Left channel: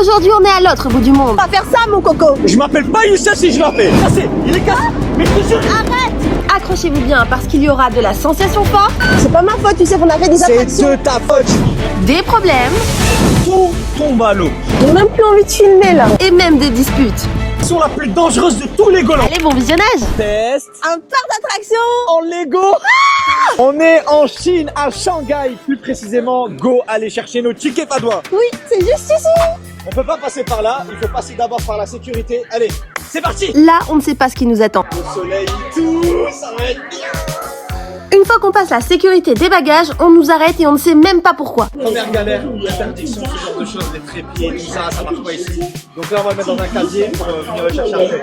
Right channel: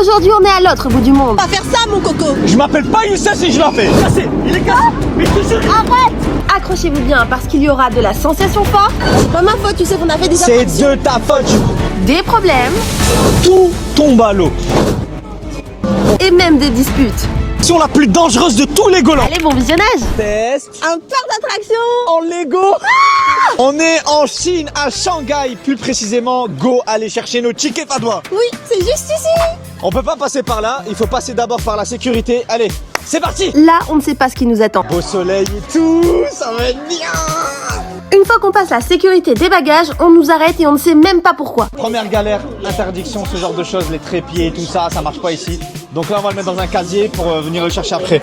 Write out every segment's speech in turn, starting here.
Aujourd'hui, on est à l'autre bout du monde. On va faire ça, mon coco. Je m'appelle pas Youssef si je la fais. Il est cassé. Mais je te jure. Arrête. Accrochez-vous bien parce qu'il y aura de la sensation forte, C'est pas ma faute, tu sais qu'on a fait des C'est attractions. de ta faute. des problèmes Tout tombe à l'eau. J'ai même plus envie de filmer là. et même des disputes. L'action la plus dangereuse de tous les Golands. Allez, bon visionnage. Test Un parc d'attractions. en Lego. On est en Chine, à Shanghai. Plus précisément, go aller chercher nos tickets padois. Oui, c'est juste ici. On peut pas passer par là. Il faut passer d'abord par la sécurité. Allez, c'est parti. Là, on ne sait pas ce qui nous attend. Au soleil et tout, ça va être bien. Une fois qu'on passe la sécurité des bagages, on nous arrête et on ne sait même pas pourquoi. Première galère, interdiction, ce genre de choses, les trépieds et tout ça, ça marche pas ici. Donc là, on va le mettre dans un casier pour venir le chercher après.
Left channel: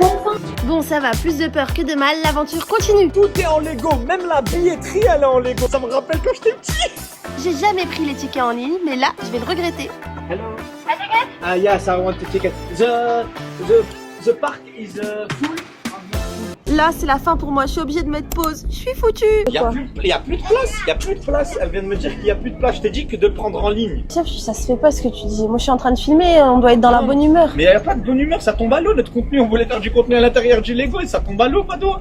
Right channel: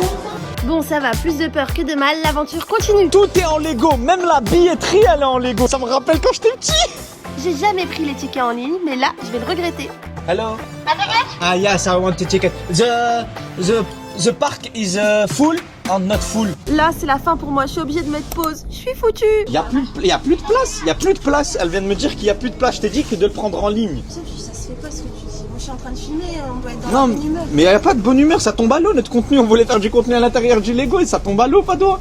Bon, ça va, plus de peur que de mal, l'aventure continue. Tout est en Lego, même la billetterie, elle est en Lego. Ça me rappelle quand j'étais petit. J'ai jamais pris les tickets en ligne, mais là, je vais le regretter. Hello. Ah yes, I want a ticket. The park is full or not full. Là, c'est la fin pour moi, je suis obligée de mettre pause. Je suis foutue. Il y a plus de place. Elle vient de me dire qu'il y a plus de place. Je t'ai dit que de le prendre en ligne. Ça se fait pas ce que tu dis. Moi, je suis en train de filmer, on doit être dans la Non, bonne humeur. Mais il n'y a pas de bonne humeur, ça tombe à l'eau notre contenu. On voulait faire du contenu à l'intérieur du Lego et ça tombe à l'eau, pas toi.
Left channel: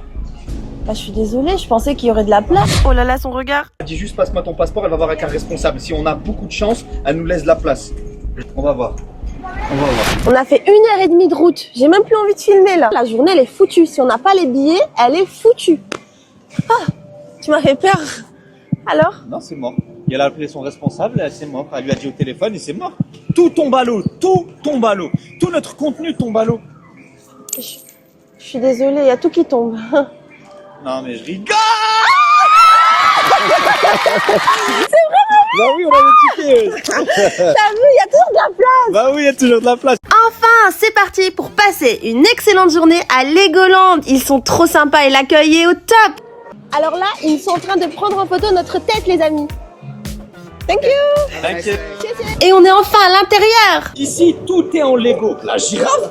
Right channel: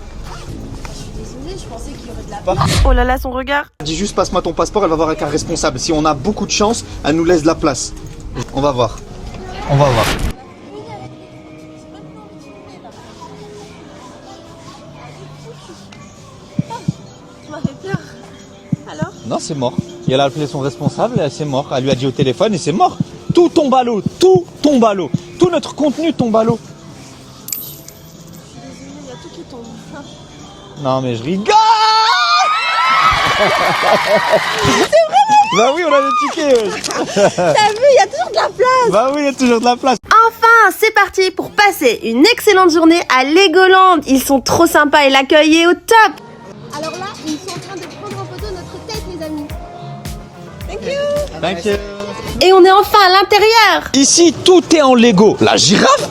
Bah, je suis désolée, je pensais qu'il y aurait de la place. Oh là là, son regard. Dis juste passe-moi ton passeport, elle va voir avec un responsable. Si on a beaucoup de chance, elle nous laisse de la place. On va voir. On a fait 1h30 de route. J'ai même plus envie de filmer là. La journée, elle est foutue. Si on n'a pas les billets, elle est foutue. Ah, tu m'as fait peur. Alors? Non, c'est mort. Et elle a appelé son responsable, c'est mort. Elle lui a dit au téléphone et c'est mort. Tout tombe à l'eau, tout tombe à l'eau. Tout notre contenu tombe à l'eau. Je suis désolée, il y a tout qui tombe. Non mais je rigole. Bah oui, on a le ticket. T'as vu, il y a toujours de la place. Bah oui, il y a toujours de la place. Enfin, c'est parti pour passer une excellente journée à Legoland. Ils sont trop sympas et l'accueil est au top. Alors là, ils sont en train de prendre en photo notre tête, les amis. Thank you. T'inquiète. Et on est enfin à l'intérieur. Ici, tout est en Lego. La girafe,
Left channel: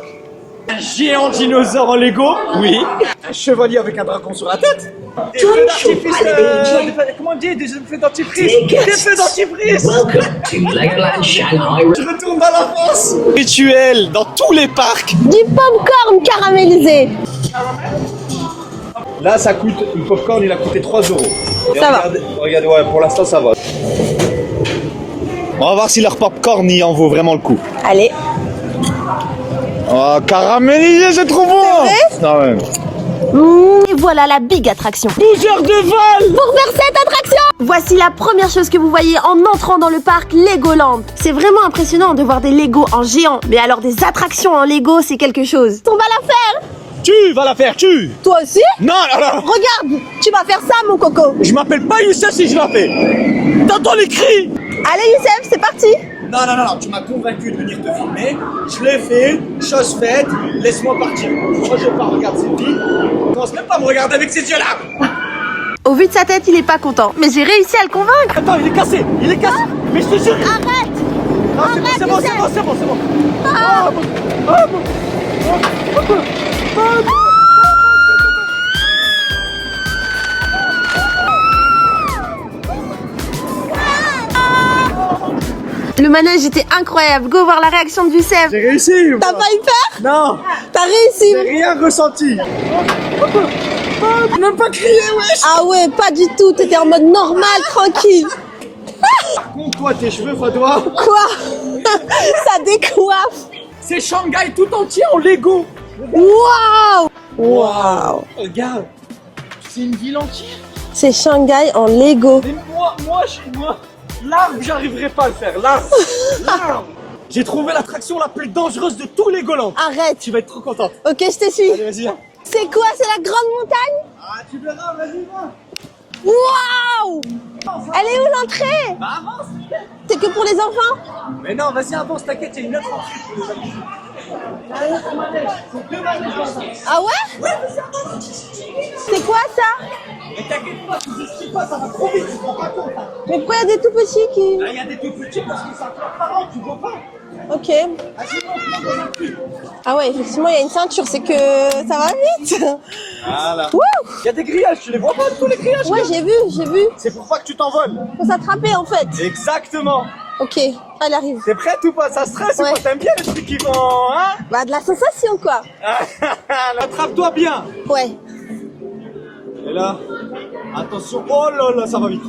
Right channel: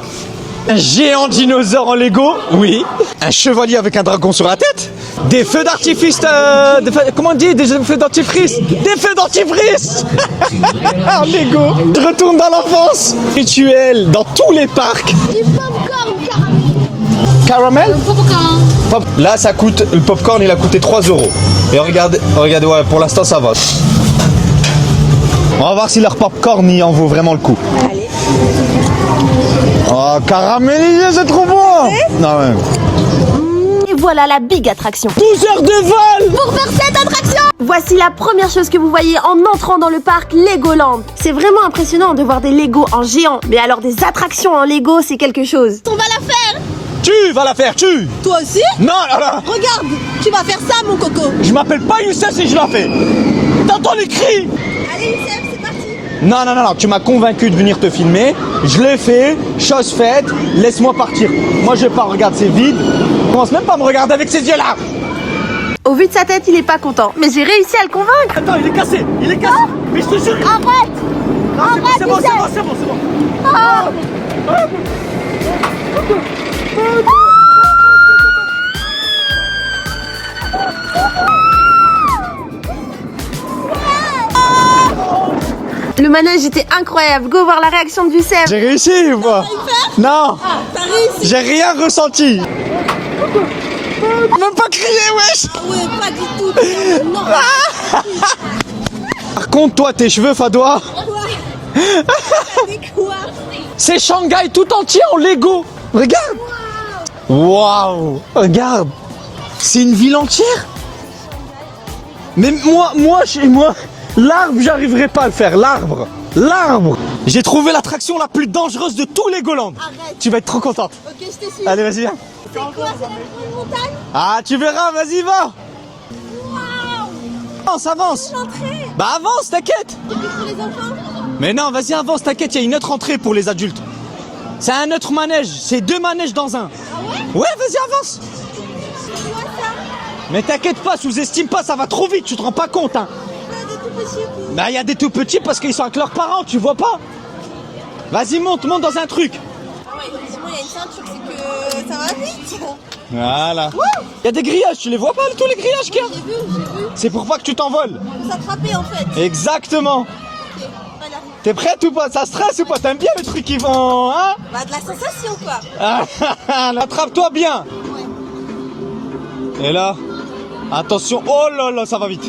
un géant dinosaure en Lego, oui. Un chevalier avec un dragon sur la tête. Des feux d'artifice, comment on dit, des feux dentifrice. Des feux dentifrice. En Lego. Je retourne dans l'enfance. Rituel dans tous les parcs. Du popcorn caramélisé. Caramel. Pop. Là, ça coûte, le popcorn, il a coûté 3 €. Et regardez, ouais, pour l'instant, ça va. On va voir si leur popcorn y en vaut vraiment le coup. Allez. Oh, caramélisé, c'est trop bon. Non, ouais. Et voilà la big attraction. 12 heures de vol. Pour faire cette attraction. Voici la première chose que vous voyez en entrant dans le parc Legoland. C'est vraiment impressionnant de voir des Lego en géant. Mais alors des attractions en Lego, c'est quelque chose. On va la faire. Tu vas la faire, tu. Toi aussi? Non, non, non. Regarde, tu vas faire ça, mon coco. Je m'appelle pas Youssef si je la fais. T'entends les cris? Allez, Youssef, c'est parti. Non, non, non, tu m'as convaincu de venir te filmer. Je l'ai fait, chose faite, laisse-moi partir. Moi, je vais pas regarder, c'est vide. Commence même pas à me regarder avec ces yeux-là. Au vu de sa tête, il est pas content. Mais j'ai réussi à le convaincre. Attends, il est cassé. Mais je te jure. Arrête. Non, c'est bon, c'est bon. Ah. Le manège était incroyable. Go voir la réaction de Youssef. J'ai réussi, T'as moi. failli faire? Non, T'as réussi. j'ai rien ressenti. Même pas crié, wesh. Ah ouais, pas du tout. T'étais en mode normal, tranquille. Par contre, toi, tes cheveux, Fadoua, Quoi? Ça décoiffe. c'est Shanghai tout entier en Lego. Regarde. Waouh. Waouh. Regarde. C'est une ville entière. C'est Shanghai en Lego. Mais moi, chez moi, l'arbre, j'arriverai pas à le faire. L'arbre. J'ai trouvé l'attraction la plus dangereuse de tous les Legoland. Arrête. Tu vas être trop contente. Ok, je te suis. Allez, vas-y, viens. C'est quoi? C'est la grande montagne? Ah, tu verras, vas-y, va. Waouh. Avance, Elle est avance. où l'entrée? Bah, avance, t'inquiète. C'est que pour les enfants? Mais non, vas-y, avance, t'inquiète, il y a une autre entrée pour les adultes. C'est un autre manège, c'est 2 manèges dans un. Ah ouais? Ouais, vas-y, avance. C'est quoi ça? Mais t'inquiète pas, sous-estime pas, ça va trop vite, tu te rends pas compte, hein. Mais pourquoi il y a des tout petits qui... Bah, il y a des tout petits parce qu'ils sont avec leurs parents, tu vois pas. Ok. Vas-y, monte dans un truc. Ah ouais, effectivement, il y a une ceinture, c'est que ça va vite. Voilà. Wouh. Il y a des grillages, tu les vois pas tous les grillages Ouais, qu'il y a j'ai vu. C'est pour pas que tu t'envoles. Faut s'attraper en fait. Exactement. Ok, elle arrive. T'es prête ou pas? Ça stresse ou Ouais. pas? T'aimes bien les trucs qui vont, hein? Bah, de la sensation, quoi. Attrape-toi bien. Ouais. Et là, attention. Oh là là, ça va vite.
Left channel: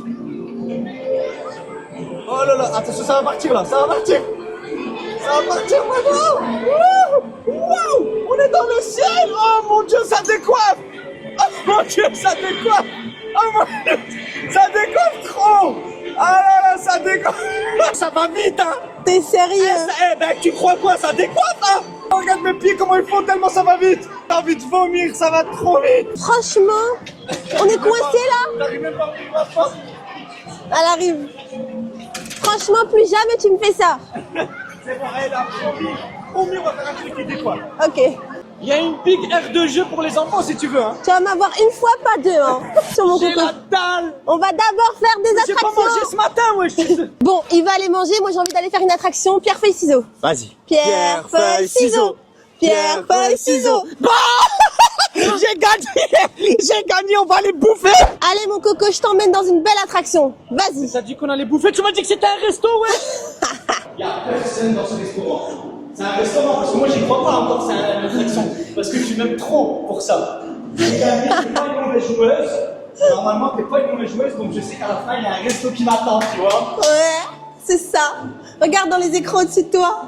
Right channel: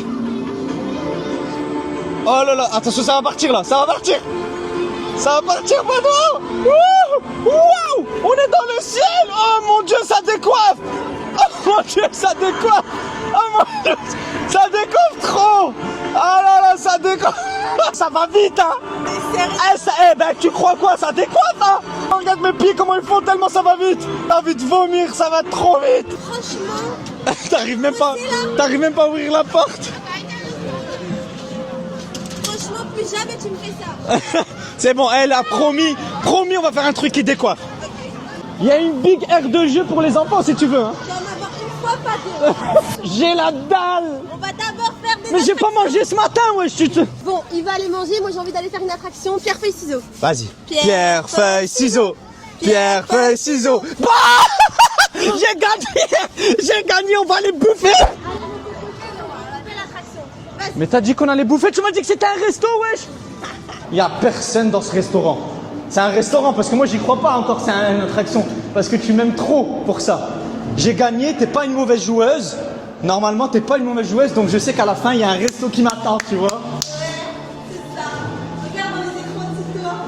Oh là là, attention, ça va partir là, ça va partir. Ça va partir, pardon. Waouh, on est dans le ciel. Oh mon Dieu, ça décoiffe. Oh mon Dieu, ça décoiffe. Oh mon Dieu, ça décoiffe trop. Ah là là, ça décoiffe. Ça va vite, hein. T'es sérieux? Eh ben, tu crois quoi? Ça décoiffe, hein. Regarde mes pieds, comment ils font tellement ça va vite. T'as envie de vomir, ça va trop vite. Franchement, T'arrives même coincé, pas, là. t'arrives même pas à ouvrir la porte. elle arrive. Franchement, plus jamais tu me fais ça. C'est bon, elle a promis, on va faire un truc qui décoiffe. Ok. Il y a une big aire de jeu pour les enfants si tu veux, hein. Tu vas m'avoir une fois, pas deux. Hein, sur mon J'ai coco. la dalle. On va d'abord faire des Mais j'ai pas attractions. mangé ce matin, ouais, je te... Bon, il va aller manger. Moi, j'ai envie d'aller faire une attraction. Pierre, feuille, ciseaux. Vas-y. Pierre, feuille, ciseaux. Pierre, feuille, ciseaux. Bah j'ai gagné, on va les bouffer. Allez, mon coco, je t'emmène dans une belle attraction. Vas-y. Mais t'as dit qu'on allait bouffer, tu m'as dit que c'était un resto, ouais. Il y a personne dans ce restaurant. C'est un restaurant parce que moi j'y crois pas encore, c'est une attraction. Parce que tu m'aimes trop pour ça. J'ai gagné, t'es pas une mauvaise joueuse. Normalement t'es pas une mauvaise joueuse, donc je sais qu'à la fin il y a un resto qui m'attend, tu vois. Ouais, c'est ça. Regarde dans les écrans au-dessus de toi.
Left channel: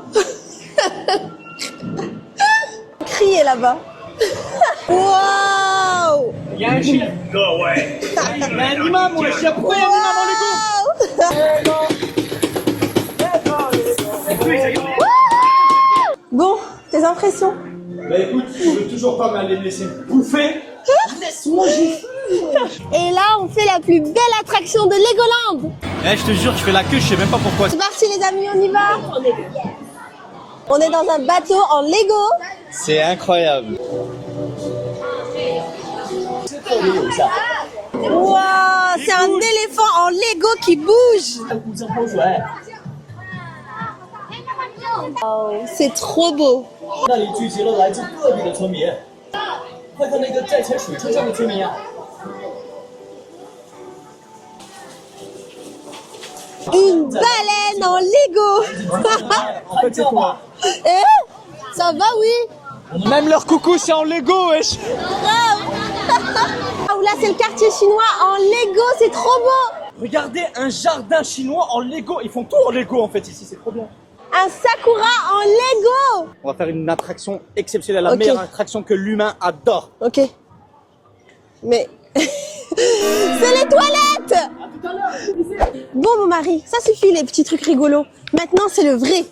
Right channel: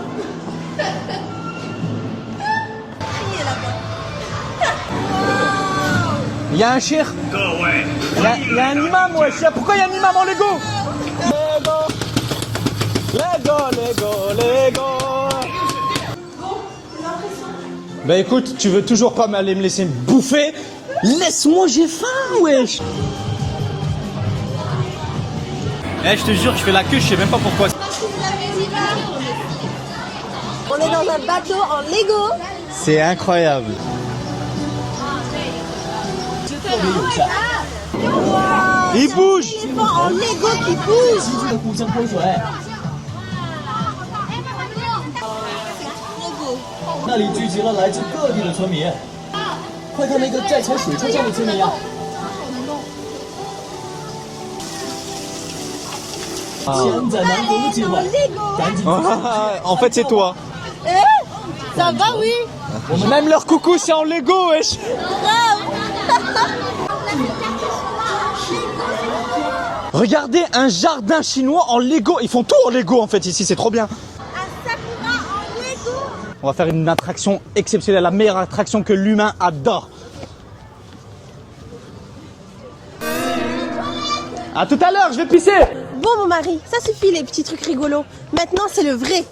Crier là-bas. Waouh! Il y a un chien. Il y a un imam, ouais. Pourquoi il y a un imam en Lego? Bon, tes impressions? Bah écoute, tu veux toujours pas aller me laisser bouffer? Laisse-moi, j'ai faim, wesh. Et là, on fait la plus belle attraction de Legoland. Eh, je te jure, je fais la queue, je sais même pas pourquoi. C'est parti, les amis, on y va. On est dans un bateau en Lego. C'est incroyable. Wow, Il c'est un bouge. éléphant en Lego qui bouge. C'est trop beau. 那里聚集了来自各地的村民。快看那个在踩水车上的村民啊！ Une baleine en Lego. En fait, c'est toi. Eh, ça va, oui. Même leur coucou, c'est en Lego, wesh. Grave. Là, c'est le quartier chinois en Lego. C'est trop beau. Regardez, un jardin chinois en Lego. Ils font tout en Lego, en fait, ici, c'est trop bien. Un sakura en Lego. On va faire une attraction exceptionnelle, la Ok. meilleure attraction que l'humain adore. Ok. Mais... c'est les toilettes. À tout à l'heure, je vais pisser. Bon, mon mari, ça suffit les petits trucs rigolos. Maintenant, c'est le vrai.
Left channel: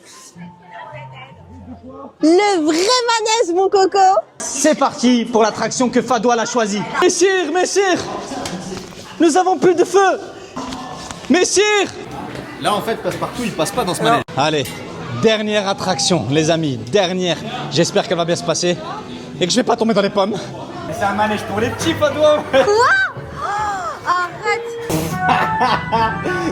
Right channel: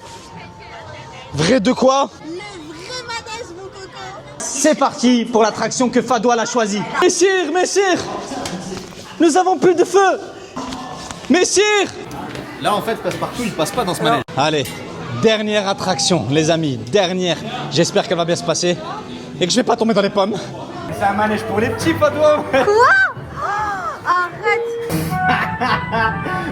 Vrai de quoi? Le vrai manège, mon coco. C'est parti pour l'attraction que Fadoil a choisie. Messire, nous avons plus de feu. Messire. Là, en fait, Passepartout, il passe pas dans ce manège. Allez, dernière attraction, les amis, dernière. J'espère qu'elle va bien se passer et que je vais pas tomber dans les pommes. C'est un manège pour les petits, Fadoil. Arrête.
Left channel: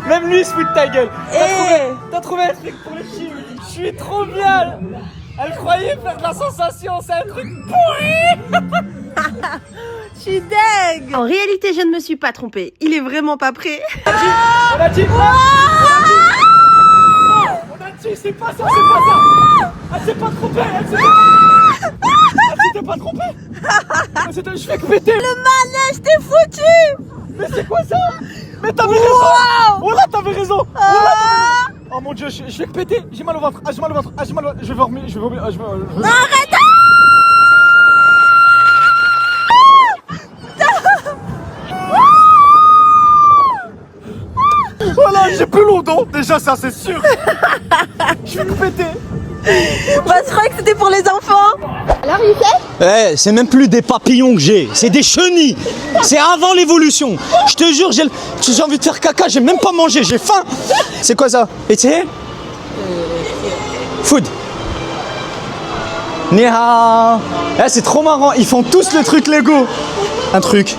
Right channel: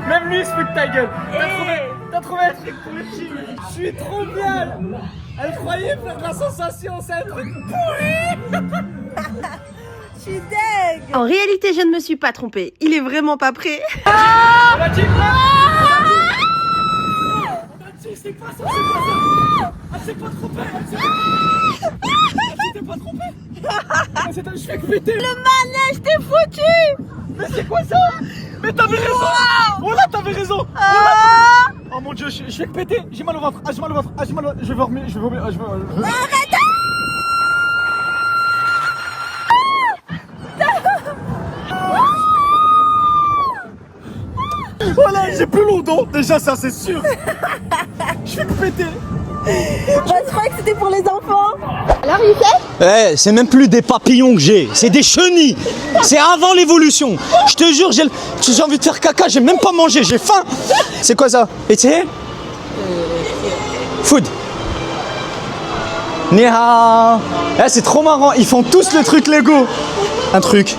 Même lui, il se fout de ta gueule. Eh. T'as trouvé un truc pour les petits. Je suis trop bien. Elle croyait faire de la sensation, c'est un truc pourri. Je suis dingue. En réalité, je ne me suis pas trompée. Il est vraiment pas prêt. On a dit quoi? On a dit, c'est pas ça, c'est pas ça. Elle s'est pas trompée, elle s'était pas trompée. Je fais que péter. Le manège, t'es foutu. Non, c'est quoi ça? Mais t'avais raison. Oh là, t'avais raison. Oh, là, oh mon Dieu, je fais que péter. J'ai mal au ventre. Ah, j'ai mal au ventre. Ah, j'ai mal au ventre. Je vais vomir. Arrête. Voilà, j'ai plus lourd dos. Déjà, ça, c'est sûr. Je fais que péter. Bah, je croyais que c'était pour les enfants. Alors, il fait? Eh, c'est même plus des papillons que j'ai, c'est des chenilles. C'est avant l'évolution. Je te jure, j'ai envie de faire caca, j'ai même pas mangé, j'ai faim. C'est quoi ça? Et tu sais? Food. Ni hao. Eh, c'est trop marrant, ils font tous le truc Lego. Un truc.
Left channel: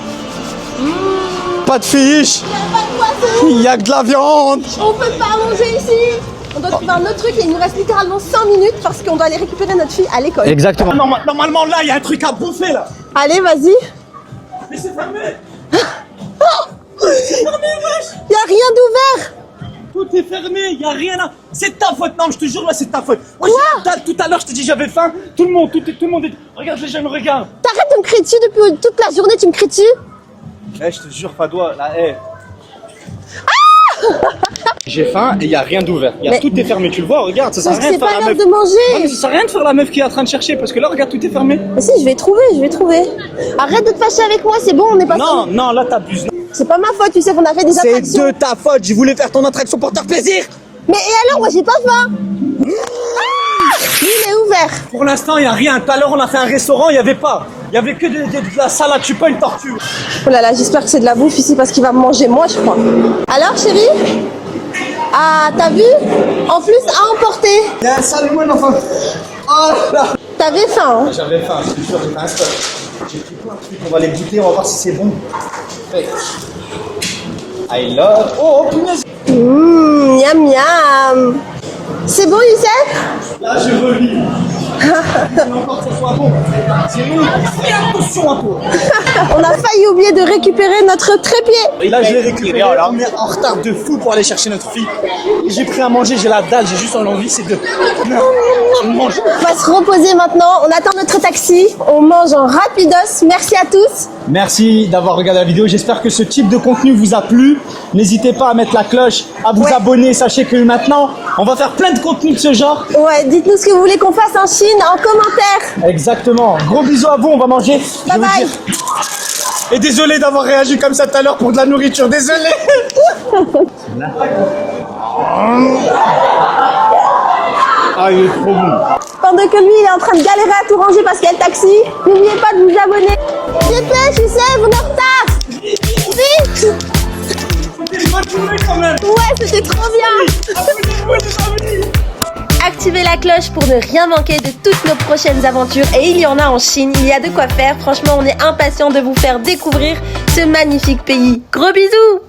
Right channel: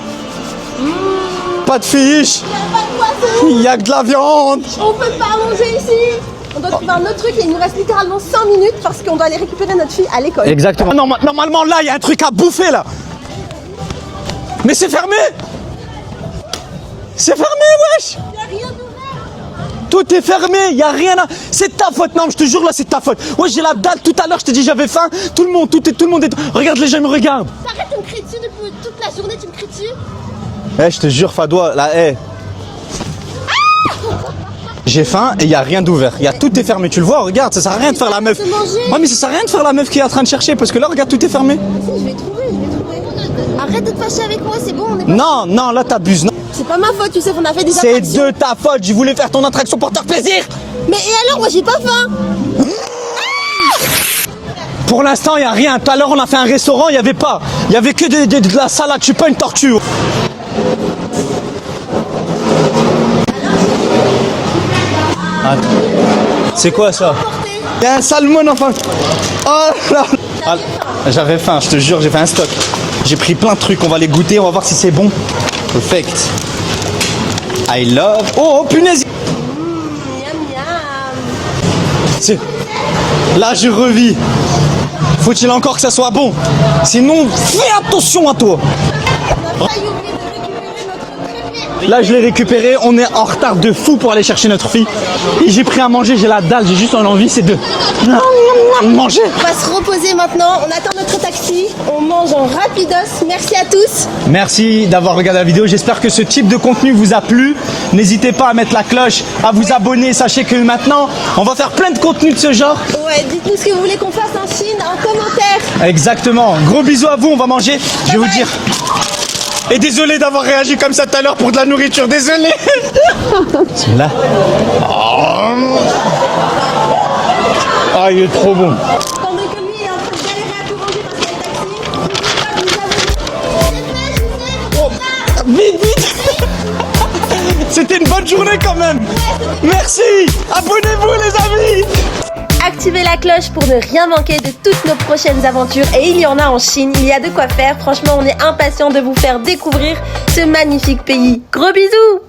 Pas de fiche. Pas de poisson. Il y a que de la viande. On peut pas manger ici. On doit trouver un autre truc et il nous reste littéralement 5 minutes parce qu'on doit aller récupérer notre fille à l'école. Exactement. Normalement, là, il y a un truc à bouffer, là. Allez, vas-y. Mais c'est fermé. C'est fermé, wesh. Y a rien d'ouvert. tout est fermé, y a rien à... C'est ta faute, non, je te jure, là, c'est ta faute. Ouais, j'ai la dalle, tout à l'heure, je t'ai dit j'avais faim. Tout le monde est... Regarde, les gens me regardent. T'arrêtes de me crier dessus depuis toute la journée, tu me cries dessus. Eh, je te jure, Fadoua, là, J'ai faim et y a rien d'ouvert. Tout est fermé, tu le vois, regarde, ça sert à rien de faire la meuf. C'est pas l'heure de manger. Ouais, mais ça sert à rien de faire la meuf qui est en train de chercher parce que là, regarde, tout est fermé. Mais si, je vais trouver. Arrête de te fâcher avec moi, c'est bon, on est pas... Non, là, t'abuses. Non. C'est pas ma faute, tu sais qu'on a fait des C'est attractions. de ta faute, je voulais faire ton attraction pour te faire plaisir. Mais et alors, moi j'ai pas faim. Il est ouvert. Pour l'instant, y a rien. Tout à l'heure, on a fait un restaurant, y avait pas. Y avait que de la salade, je suis pas une tortue. Oh là là, j'espère que c'est de la bouffe ici parce qu'il va me manger moi, je crois. Alors, chérie? Ah, t'as vu? En c'est plus, quoi, ça? à emporter. Y a un salmon, enfin. Oh là. T'avais faim, hein? J'avais faim, je te jure, j'ai fait un stock. J'ai pris plein de trucs, on va les goûter, on va voir si c'est bon. Perfect. I love... Oh, punaise. Miam miam. C'est bon, Youssef? Là, je revis. Faut-il encore que ça soit bon? Sinon, fais attention à toi. On a failli oublier de récupérer notre trépied. Là, je l'ai récupéré, on est en retard de fou pour aller chercher notre fille. Et j'ai pris à manger, j'ai la dalle, j'ai juste envie, c'est de manger. On va se reposer maintenant, on attend notre taxi, on mange en rapidos. Merci à tous. Merci d'avoir regardé la vidéo, j'espère que ce type de contenu vous a plu. N'hésitez pas à mettre la cloche, à vous abonner, sachez que maintenant, on va faire plein de contenus de ce genre. Ouais, dites-nous ce que vous voulez qu'on fasse en Chine en commentaire. Exactement, gros bisous à vous, on va manger. Je vais vous dire. Et désolé d'avoir réagi comme ça tout à l'heure pour de la nourriture, désolé. Là. Ah, il est trop bon. Pendant que lui il est en train de galérer à tout ranger parce qu'il y a le taxi, n'oubliez pas de vous abonner. Dépêche, Youssef, on est en retard. Vite. C'était une bonne journée quand même. Ouais, c'était trop Merci. bien. Abonnez-vous les amis. Activez la cloche pour ne rien manquer de toutes nos prochaines aventures. Et il y en a en Chine, il y a de quoi faire. Franchement, on est impatients de vous faire découvrir ce magnifique pays. Gros bisous!